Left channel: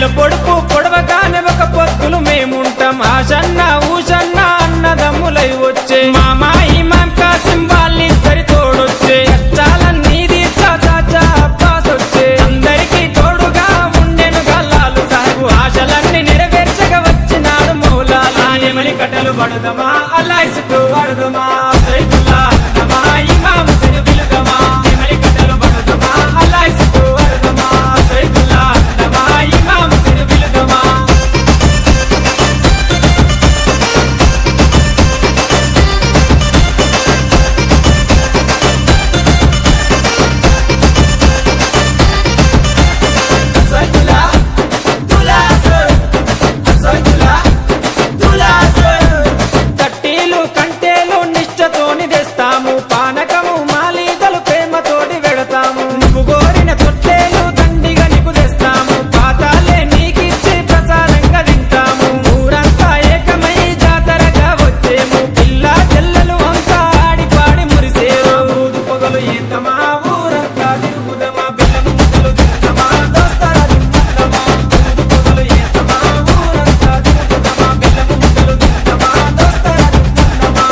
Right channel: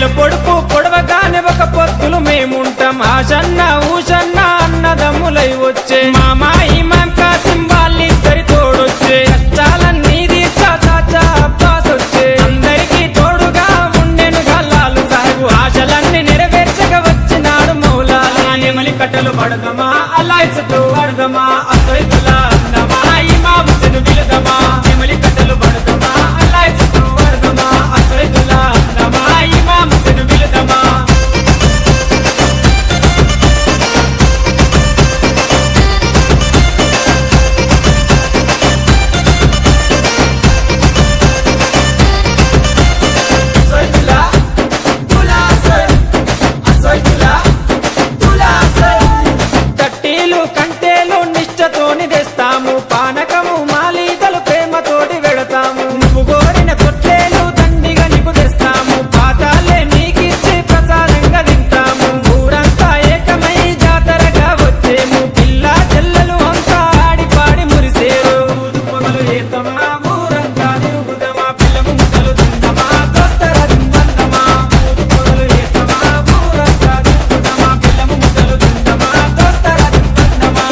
నెల పొడుపు పొడవగానే ఒక పొత్తులు మేముంటాం ఆషన్న ఊషన్న అన్నదమ్ములై వచ్చే మామా ఇమాం కాసిం వాళ్ళిద్దరి తోడొచ్చే కష్టాలన్నీ తీర్చా చాచా అబ్బాస్ వచ్చే అందరికీ తోడుగా ఉండెను గల్లాలు సాహెబు ఆశలన్నీ నెరవేర్చగా వచ్చినాడు మౌలాలి ఎమలి కట్టెలు పడదమా అల్లాయిసకు వరదమా అసైతుల్లా అన్నమా ఇమాం హుస్సేన్ బిలదమా ఎమలి కట్టెలు పడదమా అల్లాయిసకు వరదమా అసైతుల్లా అన్నమా ఇమాం హుస్సేన్ బిలదమా తట్టీలు కంటేలు నిష్టతోని తెస్తాము పానకము మాలీతలు ప్రేమతోటి వెడతాము నువ్వు కోరిన తొట్లేలు దండిగా నీకు తెస్తాము పాతాలే నీకిచ్చి ప్రసాదంగా తింటాము ఊరంతా ఏకమై జాతరగా వచ్చేము పిల్ల చెల్లెలు అంతా ఆడి పాడి మురిసేరు పొగలు ఏకమా ఊరంతా తిరుగుదమా పిల్ల ముద్దలు తిందమా దోస్తరా తిందమా పొగలు ఏకమా ఊరంతా తిరుగుదమా పిల్ల ముద్దలు తిందమా దోస్తరా తిందమా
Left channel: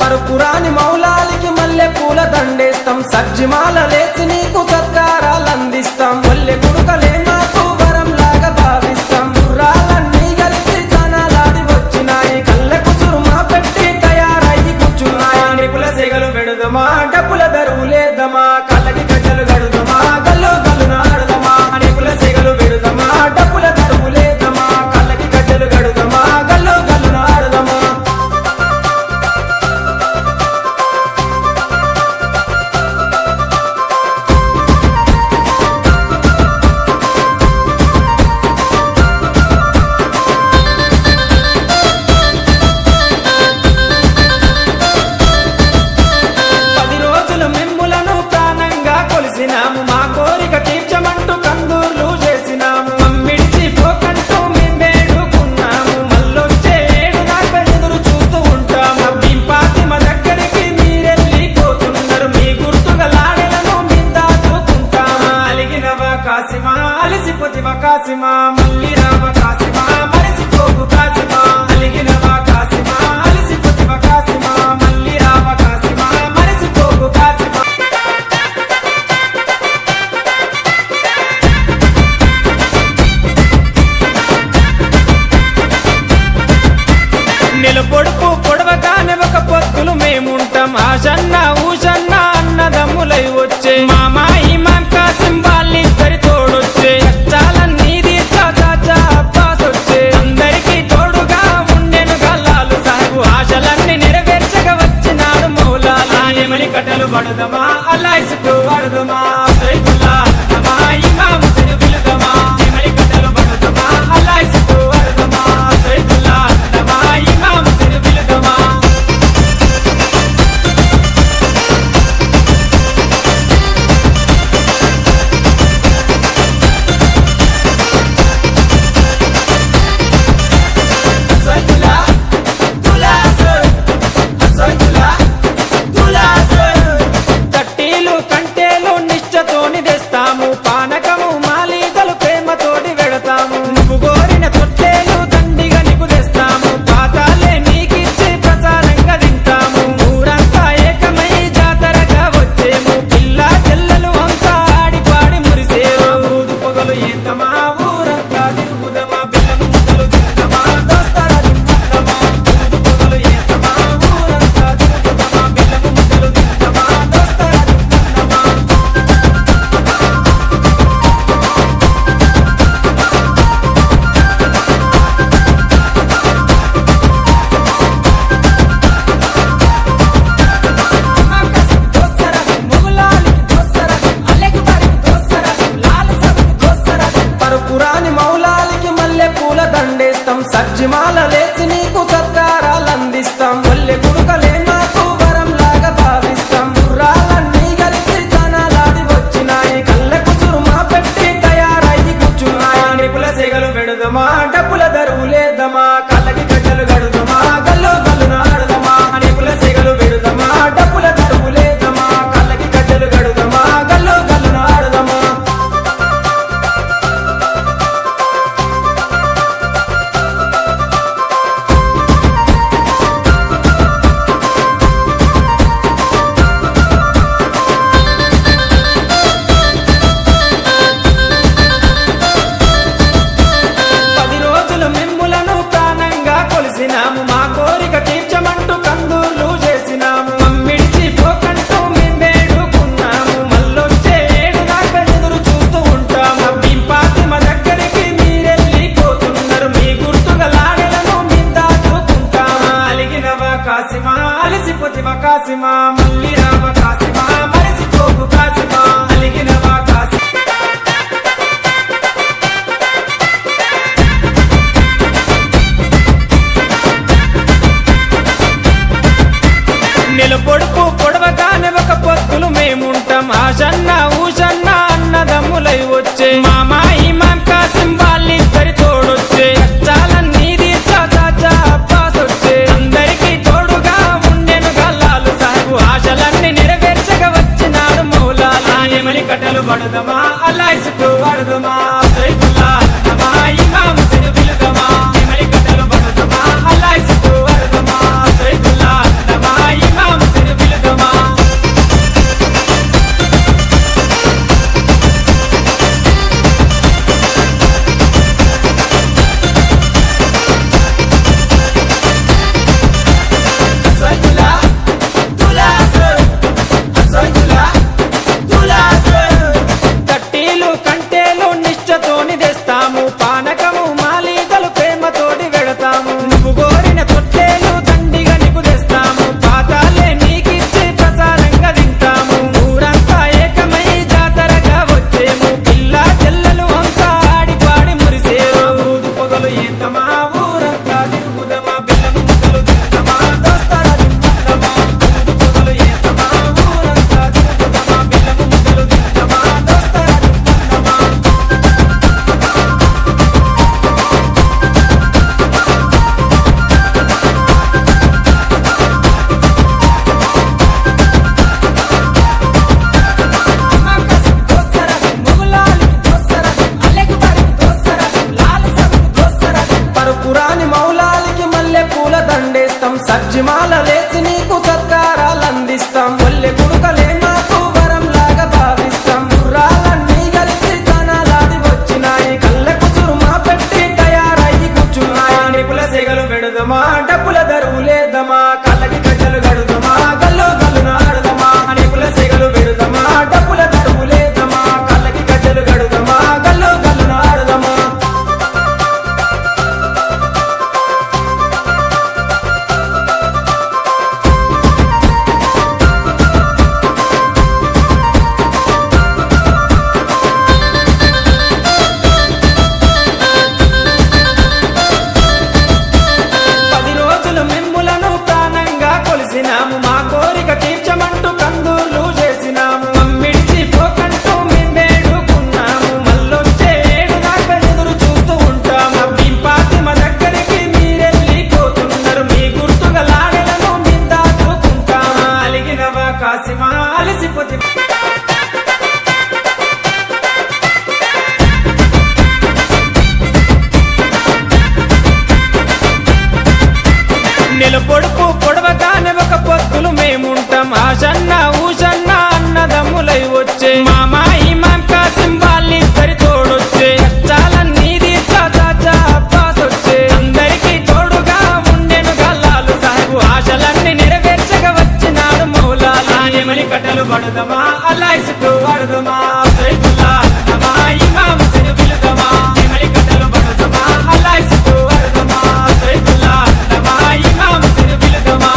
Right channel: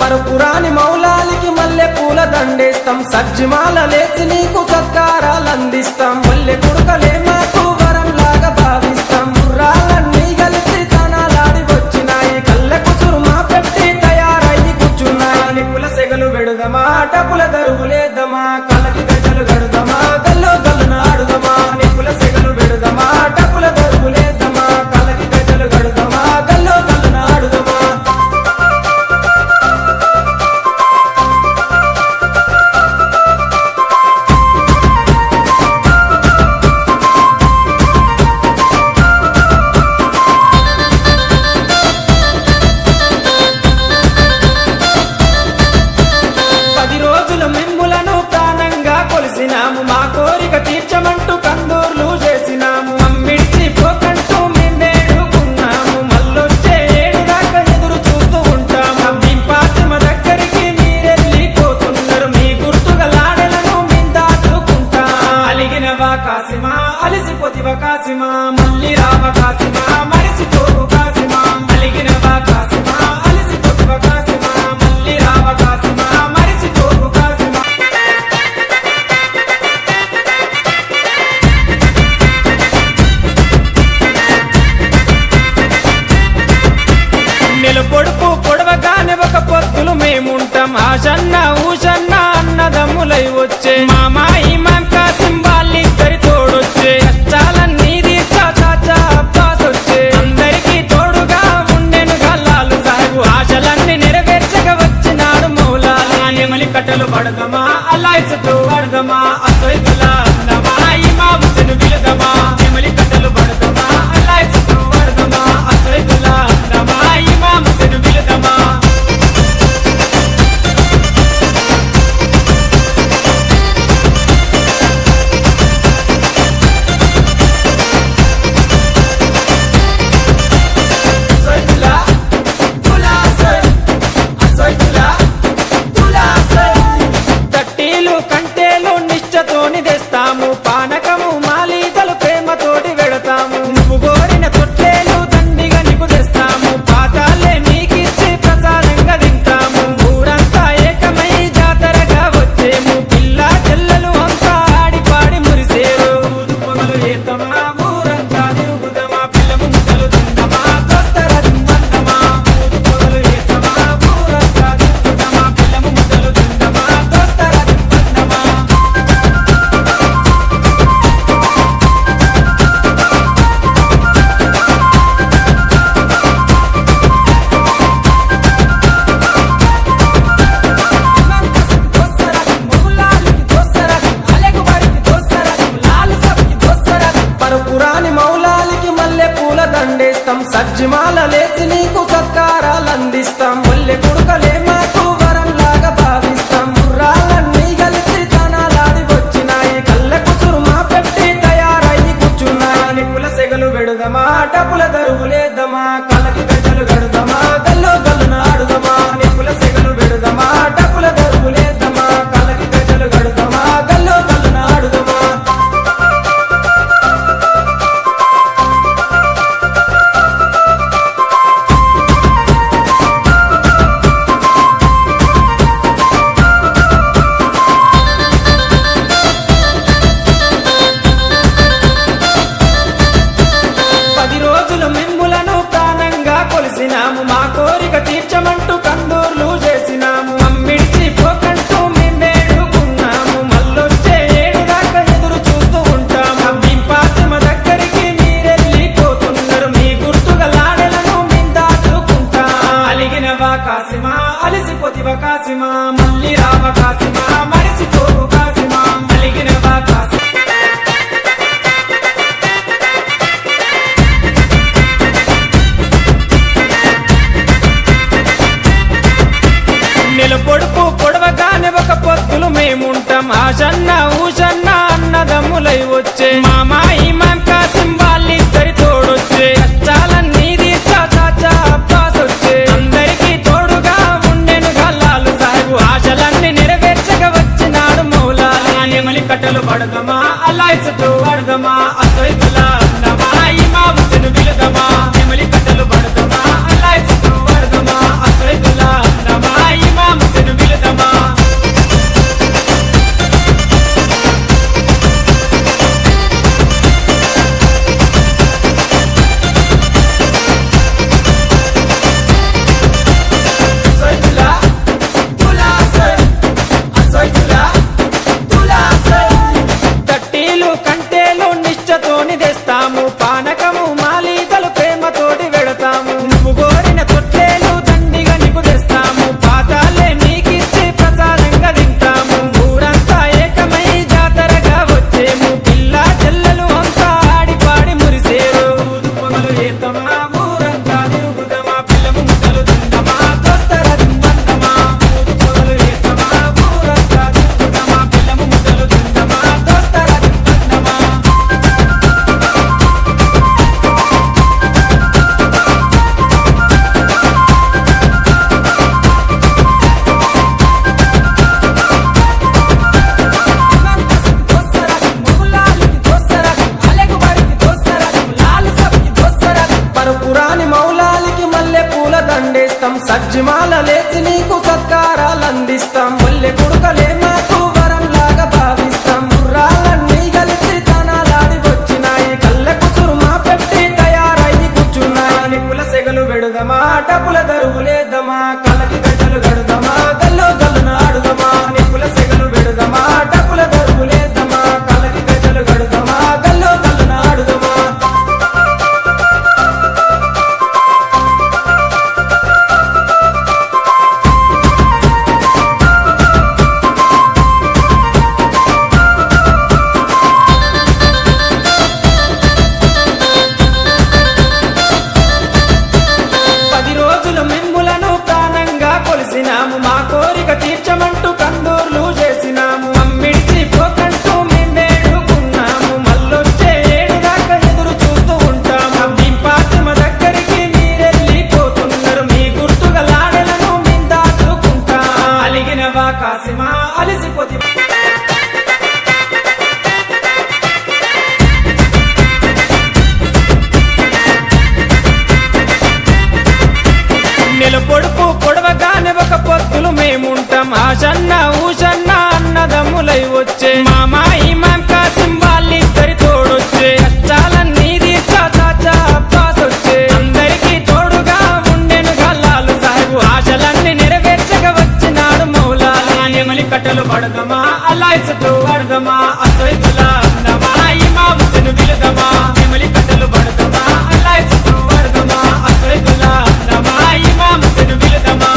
పరుపురాని మౌలాలికి మల్లె పూల దండేస్తాం సజ్జిమాల లేచి నీకు సత్కారాలు అందిస్తాం మల్లె కుడుకలే మాకు వరం లాగా భావిస్తాం గుర్రాలన్నీ కలిసి తనాలాడి వచ్చినాయి కళ్ళ కుసురుమా పెట్టి తయారయ్యి కూర్చున్నాయి నిపుల సెగలు పెడుదమా డబ్బుల దరువు లేదమా కళ్ళకి గజలు గడుదమా గల్లు గల్లు నాడుదమా నిపుల సెగలు పెడుదమా డబ్బుల దరువు లేదమా కళ్ళకి గజలు గడుదమా గల్లు గల్లు నాడుదమా పది రోజులు మిమ్ములను ప్రాణంగా కొలిసినాము మా కోరిక తీర్చమంటూ కందూర్లు చేసినాము మమ్మిడిచి పోకంటూ మేము వేడుకున్నాము మళ్ళొచ్చే ఏడు దాకా ఎదురు చూస్తూ ఉంటాము భీంపాతిమ దగ్గరికి మీరెళ్ళిపోతున్నారు మీ గుర్తుగా లాడెలను మేము దాచుకుంటాము అలిగినవా కాసిమా అలిసిపోతివా కాసిమా మళ్ళీ రావ కాసిమా మరిసిపోకు కాసిమా అలిగినవా కాసిమా అలిసిపోతివా కాసిమా మళ్ళీ రావ కాసిమా మరిసిపోకు కాసిమా నెల పొడుపు పొడవగానే ఒక పొత్తులు మేముంటాం ఆషన్న ఊషన్న అన్నదమ్ములై వచ్చే మామా ఇమాం కాసిం వాళ్ళిద్దరి తోడొచ్చే కష్టాలన్నీ తీర్చా చాచా అబ్బాస్ వచ్చే అందరికీ తోడుగా ఉండెను గల్లాలు సాహెబు ఆశలన్నీ నెరవేర్చగా వచ్చినాడు మౌలాలి ఎమలి కట్టెలు పడదమా అల్లాయిసకు వరదమా అసైతుల్లా అన్నమా ఇమాం హుస్సేన్ బిలదమా ఎమలి కట్టెలు పడదమా అల్లాయిసకు వరదమా అసైతుల్లా అన్నమా ఇమాం హుస్సేన్ బిలదమా తట్టీలు కంటేలు నిష్టతోని తెస్తాము పానకము మాలీతలు ప్రేమతోటి వెడతాము నువ్వు కోరిన తొట్లేలు దండిగా నీకు తెస్తాము పాతాలే నీకిచ్చి ప్రసాదంగా తింటాము ఊరంతా ఏకమై జాతరగా వచ్చేము పిల్ల చెల్లెలు అంతా ఆడి పాడి మురిసేరు పొగలు ఏకమా ఊరంతా తిరుగుదమా పిల్ల ముద్దలు తిందమా దోస్తరా తిందమా పొగలు ఏకమా ఊరంతా తిరుగుదమా పిల్ల ముద్దలు తిందమా దోస్తరా తిందమా పరుపురాని మౌలాలికి మల్లె పూల దండేస్తాం సజ్జిమాల లేచి నీకు సత్కారాలు అందిస్తాం మల్లె కుడుకలే మాకు వరం లాగా భావిస్తాం గుర్రాలన్నీ కలిసి తనాలాడి వచ్చినాయి కళ్ళకు డబ్బుల దరువు లేదమా కళ్ళకి గజ్జలు గడుదమా గల్లు గల్లున ఆడుదమా రేపుల సెగలు వెడుదమా డబ్బుల దరువు లేదమా కళ్ళకి గజ్జలు గడుదమా గల్లు గల్లున ఆడుదమా మిమ్ములను ప్రాణంగా కొలిసినాము మా కోరిక తీర్చమంటూ కందూర్లు చేసినాము మమ్మిడిచి పోకంటూ మేము వేడుకున్నాము మళ్ళొచ్చే ఏడు దాకా ఎదురు చూస్తూ ఉంటాము భీంపాతిమ దగ్గరికి మీరెళ్ళిపోతున్నారు మీ గుర్తుగా లాడెలను మేము దాచుకుంటాము అలిగినవా కాసిమా అలిసిపోతివా కాసిమా మళ్ళీ రావ కాసిమా మరిసిపోకు కాసిమా అలిగినవా నెల పొడుపు పొడవగానే ఒక పొత్తులు మేముంటాం ఆషన్న ఊషన్న అన్నదమ్ములై వచ్చే మామాయి మాం కాసిం వాళ్ళిద్దరి తోడొచ్చే కష్టాలన్నీ తీర్చా చాచా అబ్బాస్ వచ్చే అందరికీ తోడుగా ఉండెను గల్లాలు సాహెబు ఆశలన్నీ నెరవేర్చగా వచ్చినాడు మౌలాలి ఎమలి కట్టెలు పడదమా అల్లాయ్ సట్టు పడదమా అసైతుల్లా అన్నమా ఇమాం హుస్సేన్ పిలదమా ఎమలి కట్టెలు పడదమా అల్లాయ్ సట్టు పడదమా అసైతుల్లా అన్నమా ఇమాం హుస్సేన్ పిలదమా తట్టీలు కంటేలు నిశ్చతోని తెస్తాము పానకము మాలీతలు ప్రేమతోటి వెడతాము నువ్వు కోరిన తొట్టేలు దండిగా నీకు తెస్తాము పాతాలే నీకిచ్చి ప్రసాదంగా తింటాము ఊరంతా ఏకమై జాతరగా వచ్చేము పిల్ల చెల్లెలు అంతా ఆడి పాడి మురిసేరు పొగలు ఏకమా ఊరంతా తిరుగుదమా బెల్లం ముద్దలు తిందమా దోస్తరా తిందమా పొగలు ఏకమా ఊరంతా తిరుగుదమా బెల్లం ముద్దలు తిందమా దోస్తరా తిందమా పరుపురాని మౌలాలికి మల్లె పూల దండేస్తాం సజ్జిమాల లేచి నీకు సత్కారాలు అందిస్తాం మల్లె కుడుకలే మాకు వరం లాగా భావిస్తాం గుర్రాలన్నీ కలిసి తనాలాడి వచ్చినాయి కళ్ళ కుసురు మా పెట్టి తయారయ్యి కూర్చున్నాయి నిపుల సెగలు వెడుదమా డబ్బుల దరువు లేదమా కళ్ళకి గజ్జలు గడుదమా గల్లు గల్లున ఆడుదమా నిపుల సెగలు వెడుదమా డబ్బుల దరువు లేదమా కళ్ళకి గజ్జలు గడుదమా గల్లు గల్లున ఆడుదమా మిమ్ములను ప్రాణంగా కొలిసినాము మా కోరిక తీర్చమంటూ కందూర్లు చేసినాము మమ్మిడిచి పోకంటూ మేము వేడుకున్నాము మళ్ళొచ్చే ఏడు దాకా ఎదురు చూస్తూ ఉంటాము భీంపాతిమ దగ్గరికి మీరెళ్ళిపోతున్నారు మీ గుర్తుగా లాడెలను మేము దాచుకుంటాము అలిగినవా కాసిమా అలిసిపోతి నెల పొడుపు పొడవగానే ఒక పొత్తులు మేముంటాం ఆషన్న ఊషన్న అన్నదమ్ములై వచ్చే మామాయి మాం కాసిం వాళ్ళిద్దరి తోడొచ్చే కష్టాలన్నీ తీర్చా చాచా అబ్బాస్ వచ్చే అందరికీ తోడుగా ఉండెను గల్లాలు సాహెబు ఆశలన్నీ నెరవేర్చగా వచ్చినాడు మౌలాలి ఎమలి కట్టెలు పడదమా అల్లాయ్ సట్టు పడదమా అసైతుల్లా అన్నమా ఇమాం హుస్సేన్ పిలదమా ఎమలి కట్టెలు పడదమా అల్లాయ్ సట్టు పడదమా అసైతుల్లా అన్నమా ఇమాం హుస్సేన్ పిలదమా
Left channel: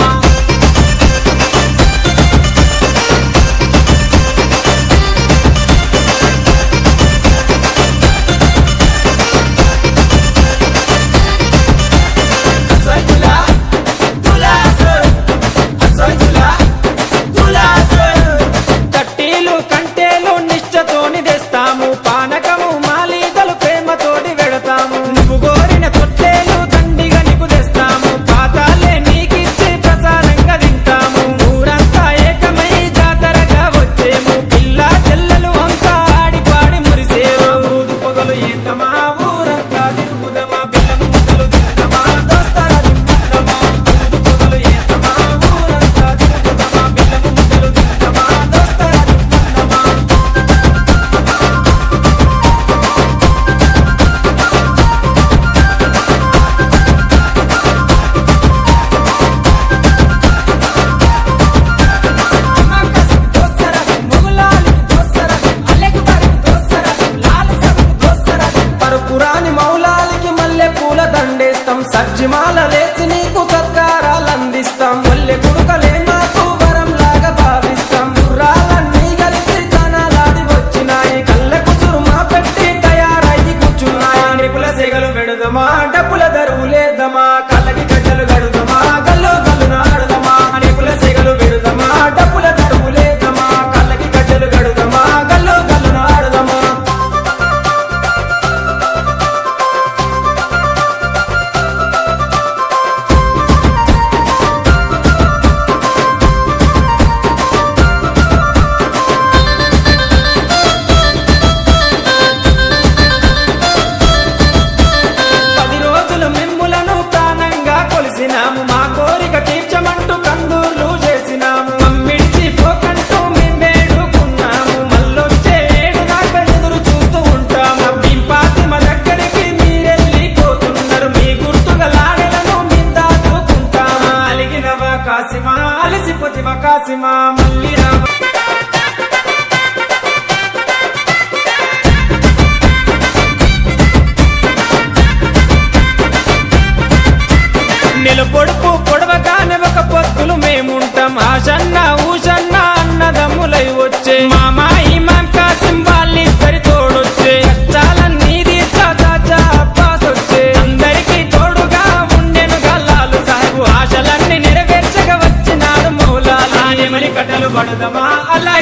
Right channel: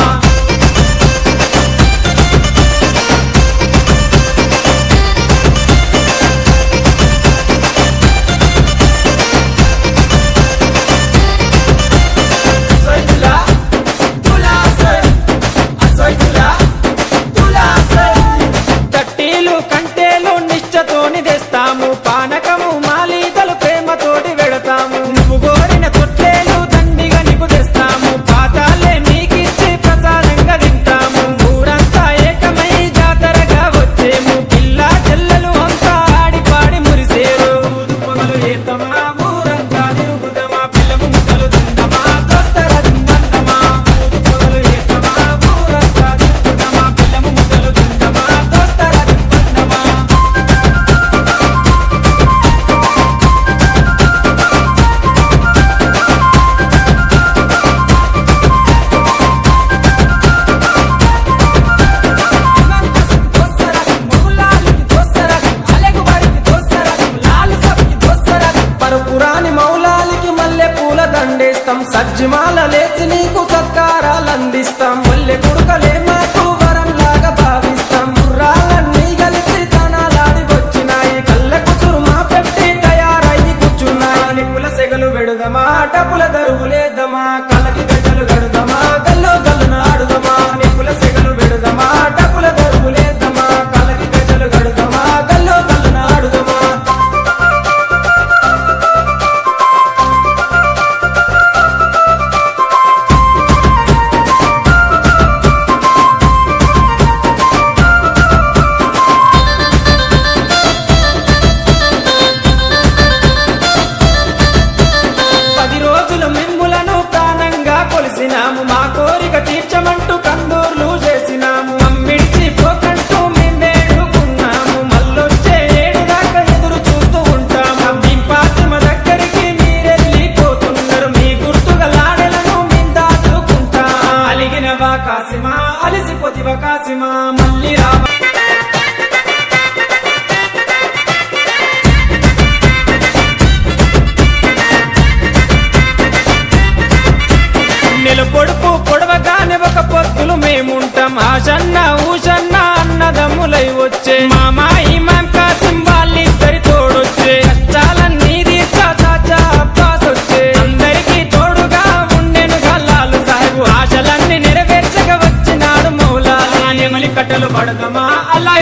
చేస్తాం సజ్జిమాల లేచి నీకు సత్కారాలందిస్తాం ఒల్లె కుడుకలే మాకు వరంలాగా భావిస్తాం గుర్రాలన్నీ కలిసి తనాలాడి వచ్చినాయి కళ్ళ కుసురుమా పెట్టి తయారయ్యి కూర్చున్నాయి నిపుల సెగలు పెడుదమా డబ్బుల దరువులేద్దామా కలకి గజలు గడుదమా గల్లు గల్లు నాడుదమా నిపుల సెగలు పెడుదమా డబ్బుల దరువులేద్దామా కలకి గజలు గడుదమా గల్లు గల్లు నాడుదమా మిమ్ములను ప్రాణంగా కొలిసినాము మా కోరిక తీర్చమంటూ కందూర్లు చేసినాము మమ్మిడిచి పోకంటూ మేము వేడుకున్నాము మళ్ళొచ్చే ఏడు దాకా ఎదురు చూస్తూ ఉంటాము భీంపాతిమ దగ్గరికి మీరెళ్ళిపోతున్నారు మీ గుర్తుగా లాడెలను మేము దాచుకుంటాము అలిగినవా కాసిమా అలిసిపోతివా కాసిమా మళ్ళీ రావ పొడుపు పొడవగానే ఒక పొత్తులు మేముంటాం ఆషన్న ఊషన్న అన్నదమ్ములై వచ్చే మామా ఇమాం కాసిం వాళ్ళిద్దరి తోడొచ్చే కష్టాలన్నీ తీర్చా చాచా అబ్బాస్ వచ్చే అందరికీ తోడుగా ఉండెను గల్లాలు సాహెబు ఆశలన్నీ నెరవేర్చగా వచ్చినాడు మౌలాలి ఎమలి కట్టెలు పడదమా అల్లాహ్